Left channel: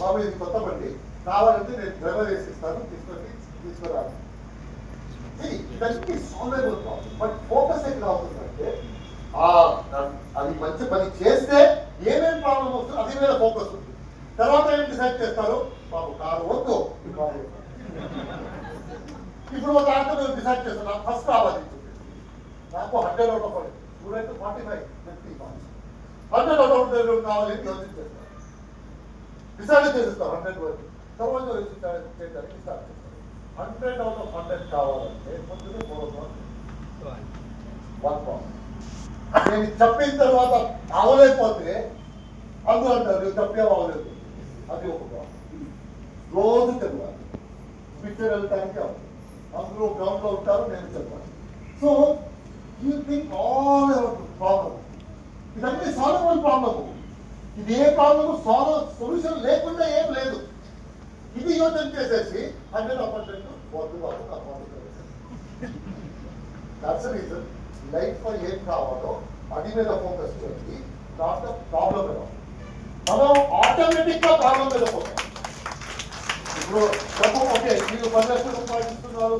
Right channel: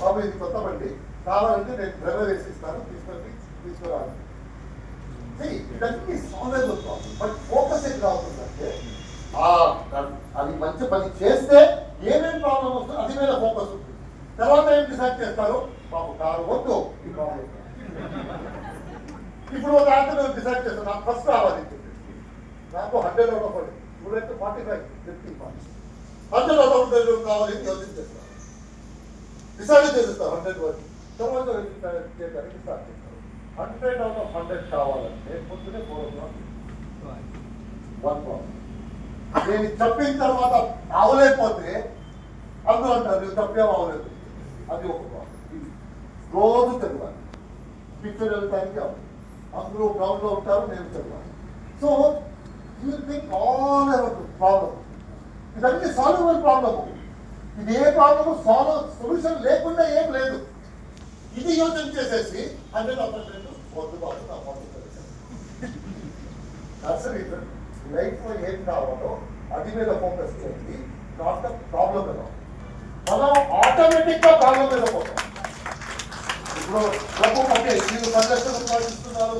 బాబు ఇది కొత్త బండి కావాలంటే నేను డ్రైవర్ వేసిస్తాను తీసుకురాలి. బట్ ఫోకస్ ఎక్కడ అవుతుందంటే అది మంచి పని చేస్తే ఏమేమి ప్రాబ్లం వస్తుందో అది మీద ఫోకస్ ఉంటుంది. తర్వాత ఏం డిసైడ్ చేస్తారు, బాబు కారు వద్దు ఇప్పుడు ఒక ఆటో డిసైడ్ చేస్తాను, నాకు ఫస్ట్ రావాలి, నాకు 100 out of 40 student 45 50 marks 100 out of 100 కావాలి యోచించేస్తారు, డిసైడ్ చేసేస్తారు 100 వరకు. తర్వాత చేయడానికి స్టార్ట్ చేస్తారు. 100 out of 100 కావాలంటే పొద్దునే 4 నేను చెప్పిన తర్వాత అవలేకపోతే అందరూ అంటారు నువ్వు చెప్పేవా అవలేదు, అది ఒక ప్రాబ్లం. రోజు చదవాలి, పిక్చర్ వెళ్తానికి అవ్వదు, అందరూ గ్రౌండ్ లో ఉంటారు, నేను చదవాలి. So you think all about problem, ఇదన్నీ సాల్వబుల్ ప్రాబ్లమ్. ఇది ఏ ప్రాబ్లమ్ సొల్యూషన్ లేకుండా ఏం లేదు. ఇది యోచన చేసేసి 100% లైఫ్ లో ఏం కావాలో అది మీద ఫోకస్ చేయండి, నాట్ ద ప్రాబ్లం మీద. మనం ఆటోమేటిక్ గా ప్రాబ్లం మీద పోతాం. ఇప్పుడు డబ్బు ఓకే, మీరు 10 లక్షలు సంపాదిస్తున్నారు,